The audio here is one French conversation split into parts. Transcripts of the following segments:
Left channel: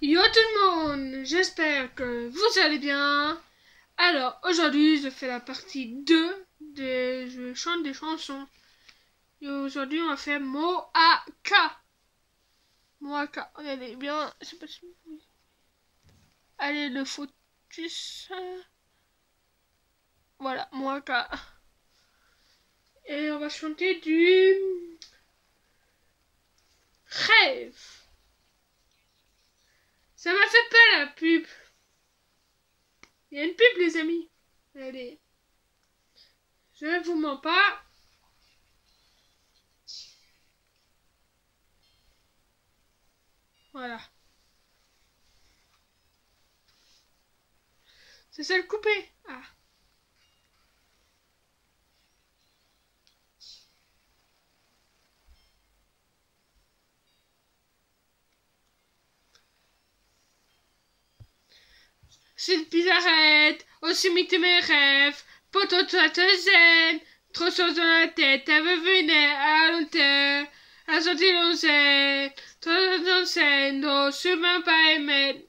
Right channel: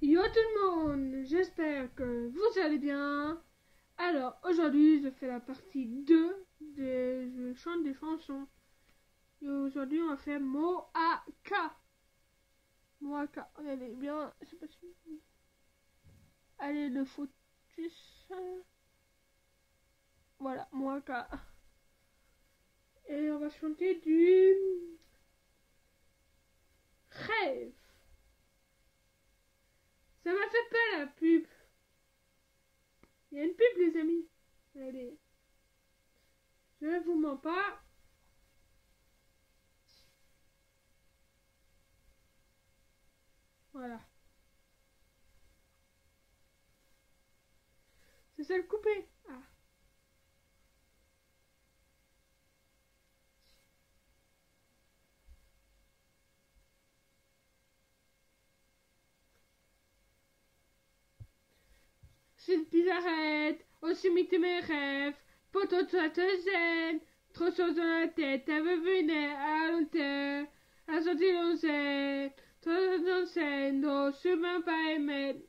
Yo tout le monde, j'espère que vous allez bien. Alors aujourd'hui je fais la partie 2 de je chante des chansons. Et aujourd'hui on va faire mot à K. Mot à K, regardez bien, je sais pas si vous... Allez le focus. Voilà, mot à K. Et on va chanter du rêve. Ça m'a fait peur la pub. Il y a une pub les amis. Allez. Je ne vous mens pas. Voilà. C'est ça le coupé. Ah. C'est une bizarrette, aussi mythe mes rêves, poteau toi te zen, trop chose dans la tête, elle veut venir à l'hôtel, à sortir l'onzaine, trop dans scène, non, je même pas aimé,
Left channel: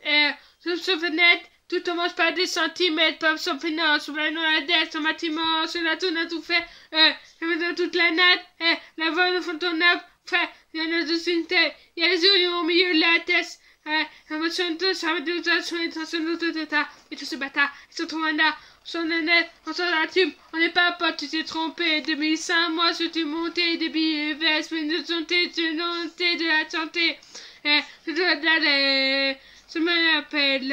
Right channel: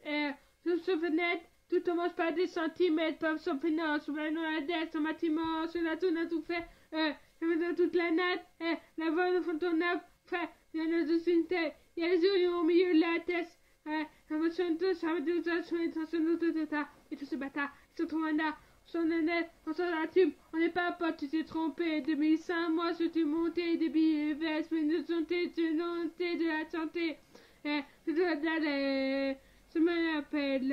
sur ce fenêtre, tout commence par des centimètres, par son finance, sur la noix son bâtiment, sur la tourne à tout fait, je veux dans toute la natte, la voix de Fontainebleau, frère, il y en a deux une tête, il y a les yeux au milieu de la tête, emotion de ça veut dire que son intention de ta et tous ces bâtards ils sont trop là son honnête on s'en assume on n'est pas potes tu t'es trompé 2005 mois sur tu monté des billets vestes mais de santé de la santé je dois d'aller je me rappelle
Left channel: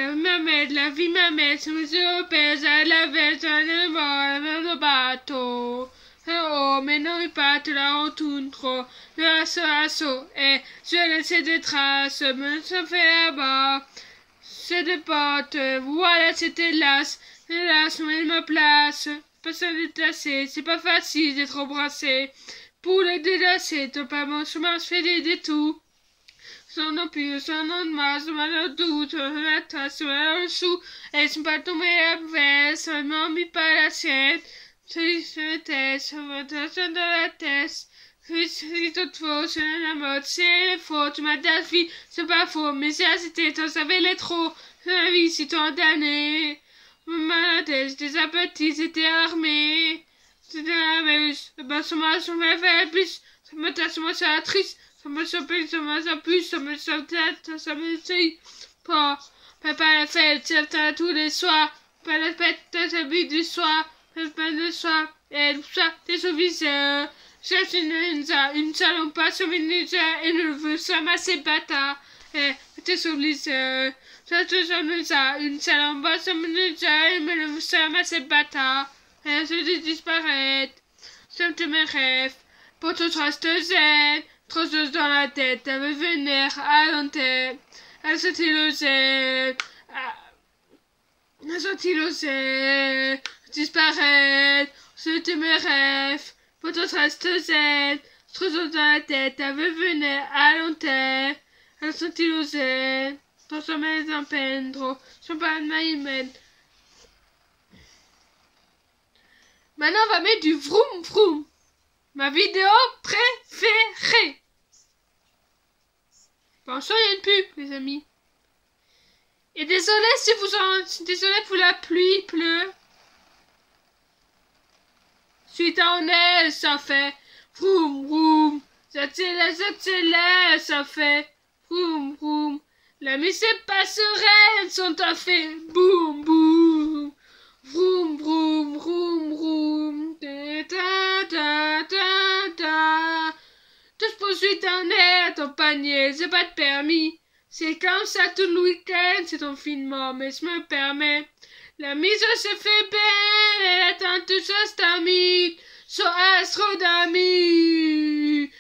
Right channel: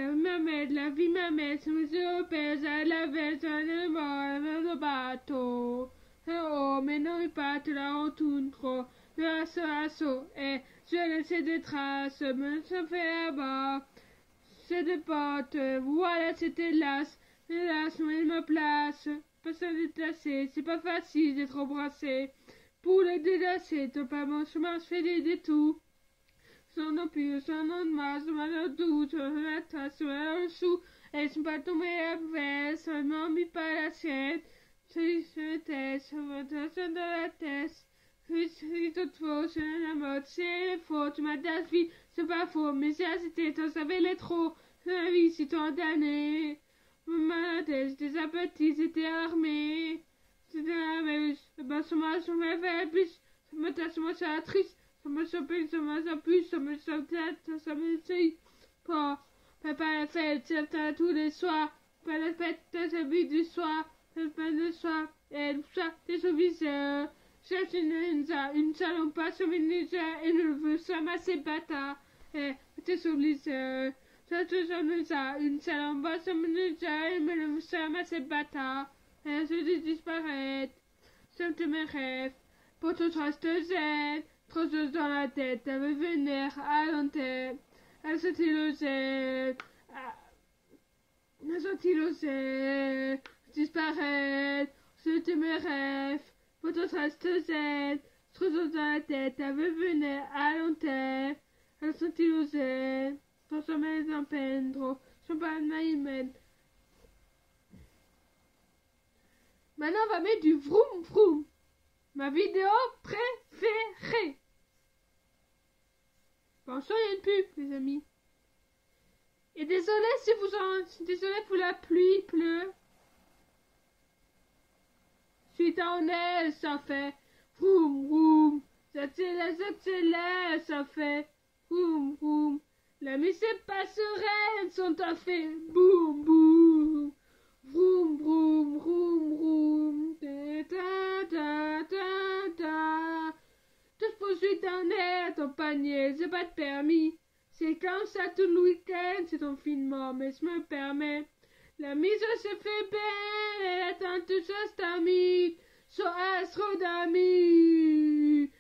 la vie m'amène je me suis opéré à la veille sur le mort le bateau oh, mais non, pas te la retourne trop. Le assaut, et je laisse des traces, me ça fait là-bas. C'est des potes, voilà, c'était hélas, mais il me place. Personne n'est placé, c'est pas facile d'être embrassé. Pour les délacer, t'as pas mon chemin, je fais des détours. Sans non plus, sans non de masse, sans le doute, la tasse, le chou, et je pas tombé à veste, ça m'en mis pas l'assiette. Je teste, de la tête. C'est toute faux, c'est la mode, c'est faux. Tu m'as dit la vie, c'est pas faux, mais c'était, t'en savais les trop. La vie, si t'en damné. Ma tête, des appétits, c'était armé. C'était la muse, le bassement, ça m'a fait plus. Ça me tasse, moi, ça triste. Ça me chope, ça me plus, ça me chope, ça me suit. Pas, papa la fête, c'est tous les soirs. Pas la fête, c'est le but du soir. Pas de soir, et ça, des souvenirs. Cherche une salon pas souvenir et ne veut ça masser bâtard. Et tes souvenirs. Cherche une salon pas souvenir et ne veut ça masser bâtard. Et je disparaître. Ça me mes rêves. Pour tout trace zen. Trop de choses dans la tête. Elle veut venir à l'antenne. Elle se zen. Elle se zen. Disparaître, c'était mes rêves, votre reste zen, trop dans la tête, elle veut venir à l'antenne, elle sentit le zen, transformer les peine trop, sont pas de ma humaine. Maintenant, on va mettre du vroom vroom, ma vidéo préférée. Pensons à une pub, les amis. Et désolé si désolé pour la pluie, il pleut. Suite en elle, ça fait vroom vroom. J'accélère, ça fait vroom vroom. La musique passerelle sont à fait boum boum. Vroom vroom vroom vroom. Ta ta ta ta. Tous poursuite en air, ton panier, j'ai pas de permis. C'est comme ça tout le week-end, c'est ton finement, mais je me permets. La mise se fait belle, elle attend tout ça, c'est ami, son astro d'amis.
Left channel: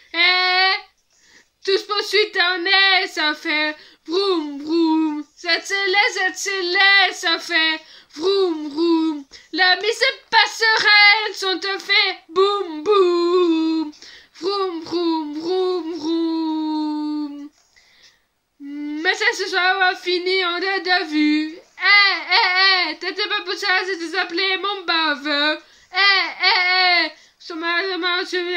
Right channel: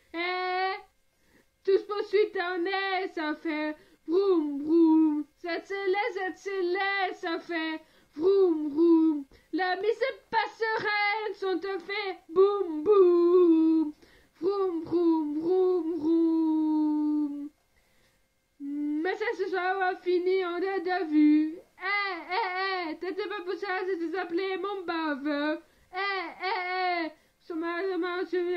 Tous poursuite en air, ça fait vroom vroom. J'accélère, ça fait vroom vroom. La mise passerelle sont te fait boum boum. Vroom vroom vroom vroom. Mais ça ce soir va finir en de vue. T'étais pas pour ça, c'était appelé mon baveux. Chômage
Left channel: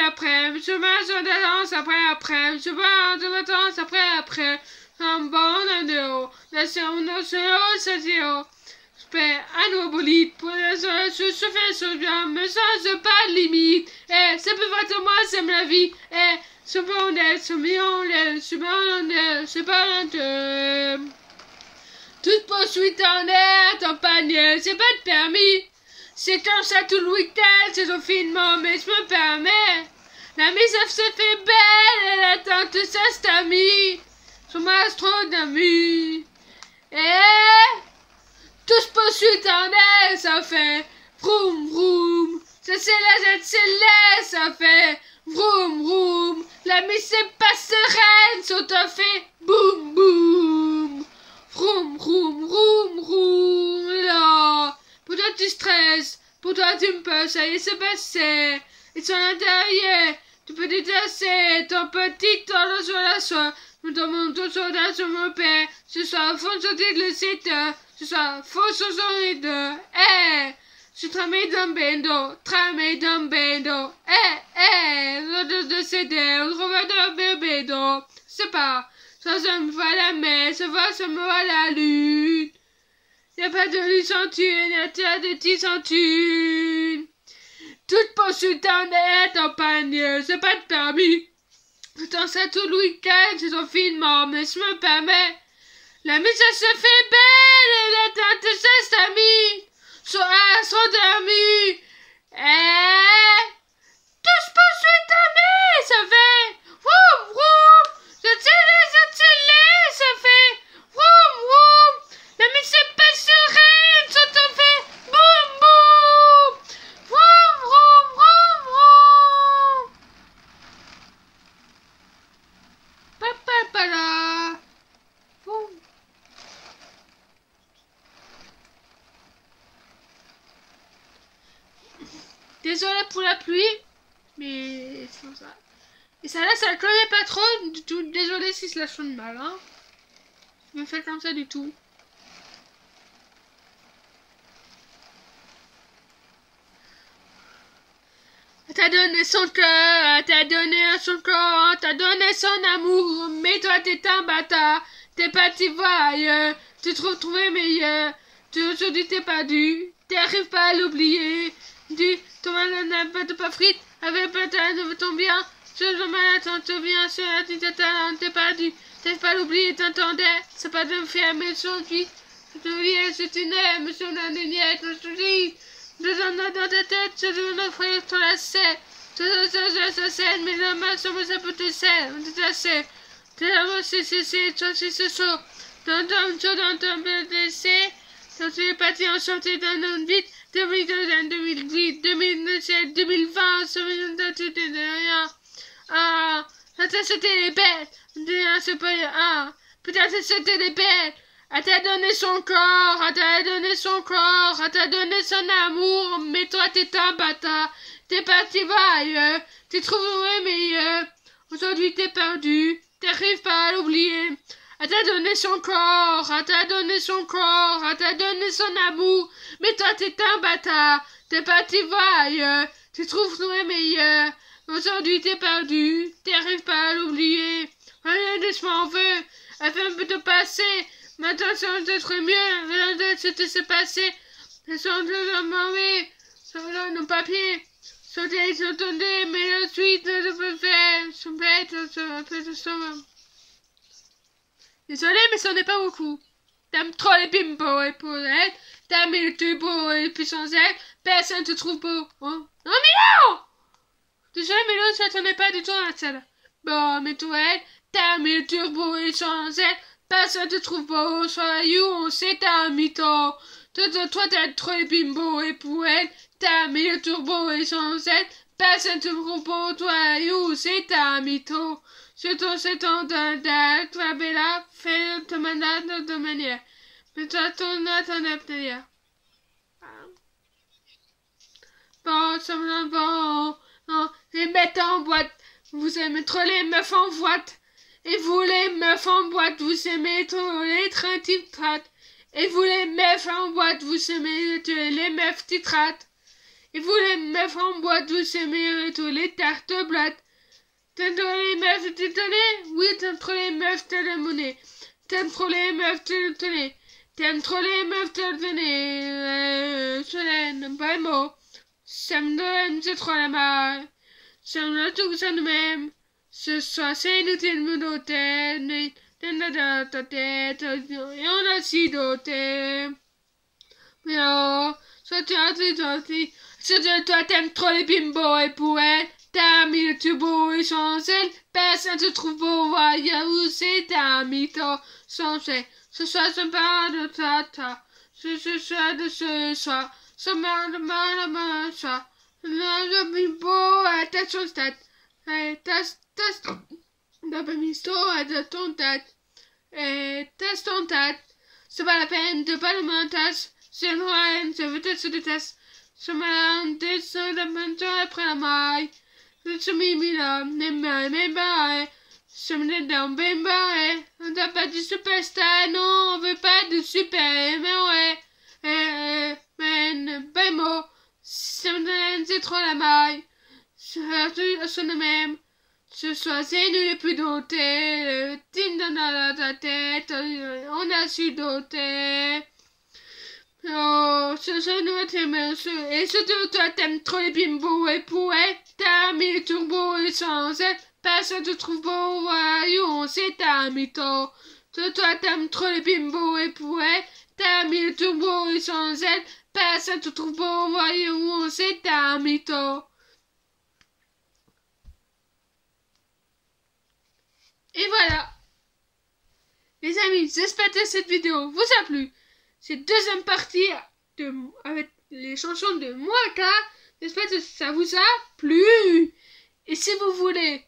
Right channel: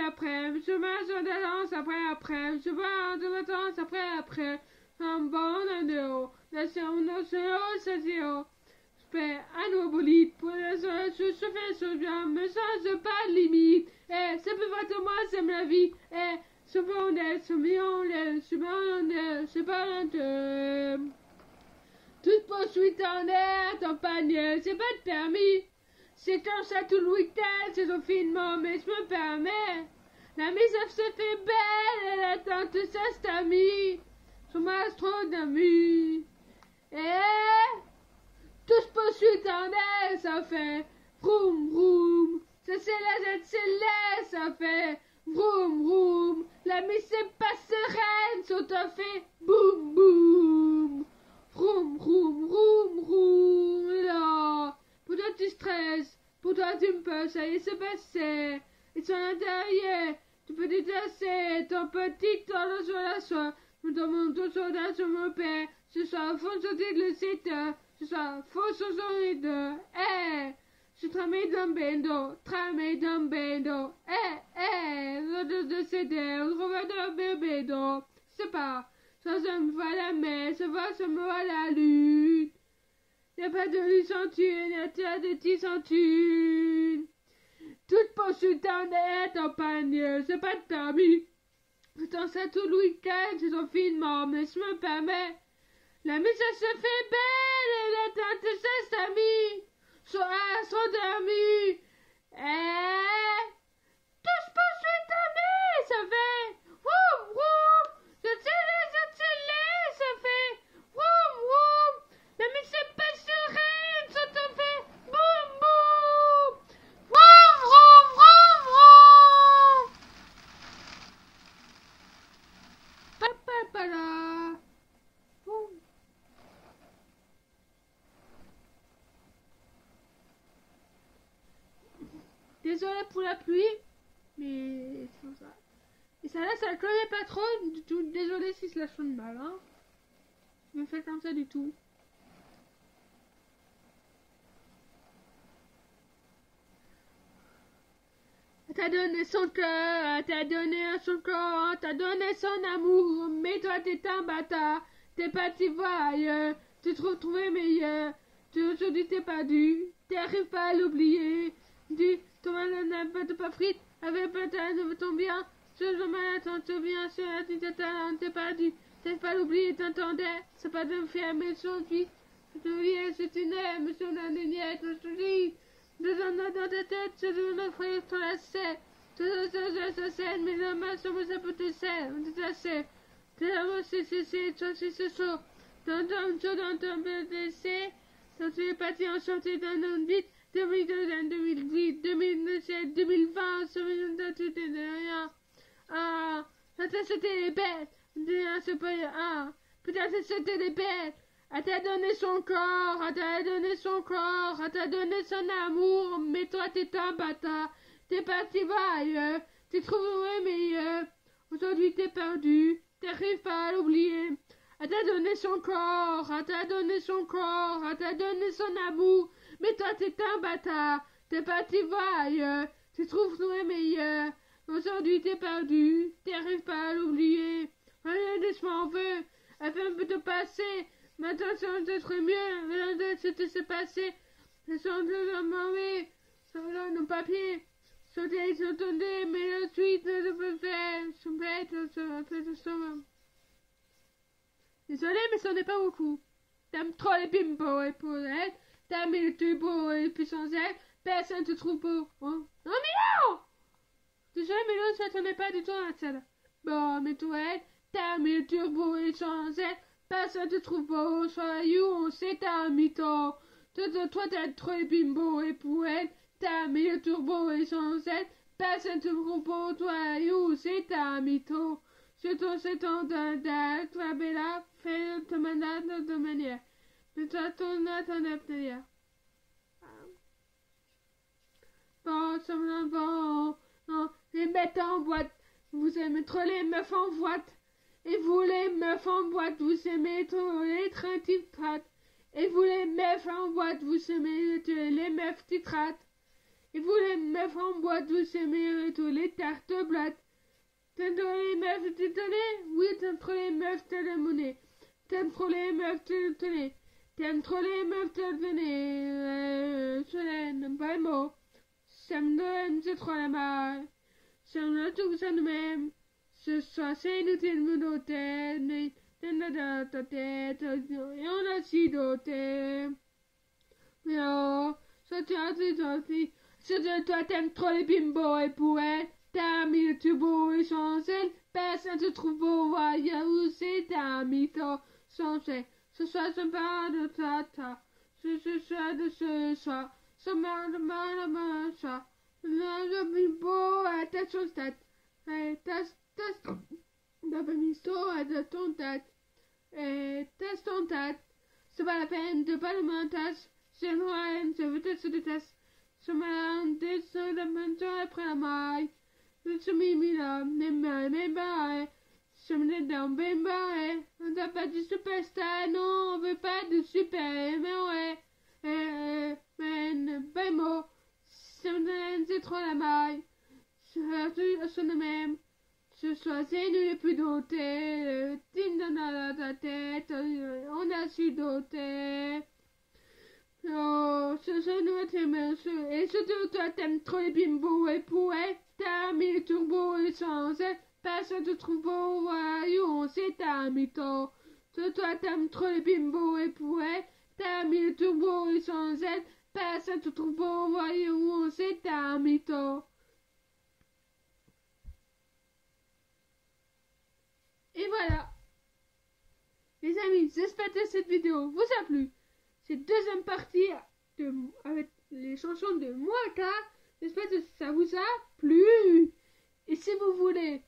après, chômage de danse après, chômage de danse après. Un bon de haut, J'espère un nouveau bolide pour se faire bien, me sans pas de limite. Ça peut être moi, c'est ma vie. C'est bon, c'est pas un toute poursuite en air, en panier, c'est pas de permis. C'est comme ça tout le week-end, c'est son finement, mais je me permets. La mise se fait belle, elle attend tout ça, c'est ami. Son astronomie. Tous poursuite en air, ça fait vroom vroom. Ça c'est ça fait vroom vroom. La mise c'est pas sereine, ça fait boum boum. Vroom vroom vroom vroom. Là, pour toi tu stresses, pour toi tu me peux, ça y est c'est passé. Ils sont à l'intérieur, tu peux détasser ton petit temps sur la soie. Nous tombons tous soldat sur mon père. Ce soir, faut sortir le site. Ce soir, faut sortir de. Je tramé d'un bendo. L'autre de céder. On trouve un bendo. C'est pas. Ça me va la mer. Ça me va la lune. Y'a pas de lucentune. Y'a de petits centunes. Toute poursuite en est en panier. C'est pas de permis. Putain, ça tout le week-end, c'est son finement, mais je me permets. La mise se fait belle et la tante de ses amis sont dormis. Tous poursuite en est, ça fait vroom vroom. Je tire, ça fait vroom vroom. La mise c'est pas sereine, ça te fait boum boum. Vroom vroom vroom vroom. Papa. Boum. Désolé pour la pluie, mais c'est comme ça. Et ça là, ça le connaît pas trop du tout. Désolé si cela sonne mal, hein. Je me fais comme ça du tout. T'as donné son cœur, t'as donné son corps, t'as donné son amour, mais toi t'es un bâtard, t'es parti voir ailleurs, tu trouvé meilleur, aujourd'hui t'es perdu, t'arrives pas à l'oublier, ton malade n'a pas frite, avec peut-être de ton bien, sur le malade te vient, sur la petite t'es perdu, t'arrives pas à l'oublier, t'entendais, c'est pas de me faire, mais aujourd'hui, je te viens, c'est une aime, monsieur la lumière, je te dis. Dans ta tête, je dois offrir ton lacet. Ça scène, mais le mal, ça peut te serre. T'es c'est chaud. Dans ton blessé, quand tu es parti en chantier dans notre vie, 2008, 2007, 2020, ça me donne tout de rien. Ah, c'était les bêtes. C'est pas, peut-être c'était les bêtes. Elle t'a donné son corps, elle t'a donné son corps, elle t'a donné son amour, mais toi t'es un bâtard, t'es parti voir ailleurs, t'es trouvé meilleur, aujourd'hui t'es perdu, t'arrives pas à l'oublier. Elle t'a donné son corps, elle t'a donné son corps, elle t'a donné son amour, mais toi t'es un bâtard, t'es parti voir ailleurs, t'es trouvé meilleur, aujourd'hui t'es perdu, t'arrives pas à l'oublier. Rien de ce m'en veut, elle fait un peu de passer. Maintenant, ça va être mieux. Maintenant, c'est passé. Elles sont mauvais. Ça va nos papiers. Sauter, s'entendait, mais la suite, je peux faire. Sont bêtes, un peu de ça. Désolé, mais ça n'est pas beaucoup. T'aimes trop les bimbos et pour être. T'aimes les tubos et puis sans être. Personne te trouve beau. Hein? Non, mais non! Désolé, mais là, ça t'en est pas du tout à ça. Bon, mais toi, t'aimes les turbos et sans être. Personne te trouve beau, soit you, on sait t'as un mytho. Toi t'as trop les bimbos et pour elle, t'as mis le turbo et sans être. Personne te trouve beau, toi you, c'est t'as un mytho. C'est ton d'un, toi bella, fais ton mandat de manière. Mais toi ton manière. Bon, ça me donne bon. Non, les mettre en boîte. Vous aimez trop les meufs en boîte. Et vous les meufs en boîte, vous aimez trop les trains titrates. Et vous les meufs en boîte, vous aimez les meufs titrates. Et vous les meufs en boîte, vous aimez tous les tartes blattes. T'aimes trop les meufs tétonnées? Oui, t'aimes trop les meufs télémonées. T'aimes trop les meufs, tenez. T'aimes trop les meufs, tenez. Solène, pas le mot. Ça me donne, c'est trop la malle. Ça me donne tout, ça nous même. Ce soir, c'est inutile de me noter. Dans ta tête, et on a si doté. Mais oh, soit tu as dit, toi t'aimes trop les bimbos et poètes. T'as mis le turbo et chancel. Personne te trouve beau, voyez où c'est ta mytho. Sans fait, ce soir, je parle de tata. Ce soir de ce soir. Ce mal de soir. Le bimbo à ta stat. T'as pas mis ça à ton tête. Teste ton tête. C'est pas la peine de pas le montage. C'est loin, je veux te se déteste. Je me descends la main après la maille. Je me mis là, mes barres. Je me donne bien barré. On n'a pas de superstar, non, on veut pas de super, mais ouais. Mais, ben mot. C'est trop la maille. Je suis le même. Ce soir, c'est nous les plus dotés. Tim dans la tête, on a su doter. Oh, ce soir, nous t'aimons. Et surtout, toi, t'aimes trop les bimbos et poètes. T'as mis le turbo et sans elle. Personne te trouve beau, voyons, c'est ta mytho. Toi, t'aimes trop les bimbos et poètes. T'as mis le turbo et sans elle. Personne te trouve beau, voyons, c'est ta mytho. Et voilà, les amis, j'espère que cette vidéo vous a plu. Cette deuxième partie avec les chansons de Moaka, j'espère que ça vous a plu. Et si vous voulez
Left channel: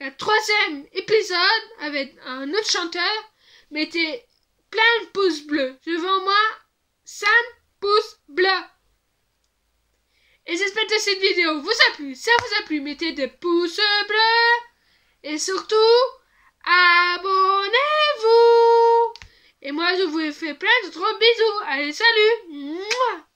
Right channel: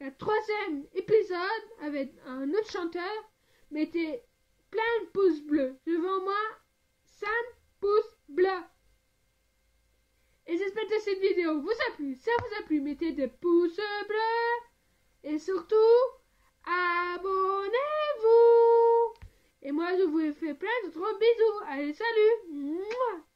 le troisième épisode avec un autre chanteur, mettez plein de pouces bleus. Je veux en moi 5 pouces bleus. Et j'espère que cette vidéo vous a plu. Si ça vous a plu, mettez des pouces bleus. Et surtout, abonnez-vous. Et moi, je vous fais plein de gros bisous. Allez, salut. Mouah.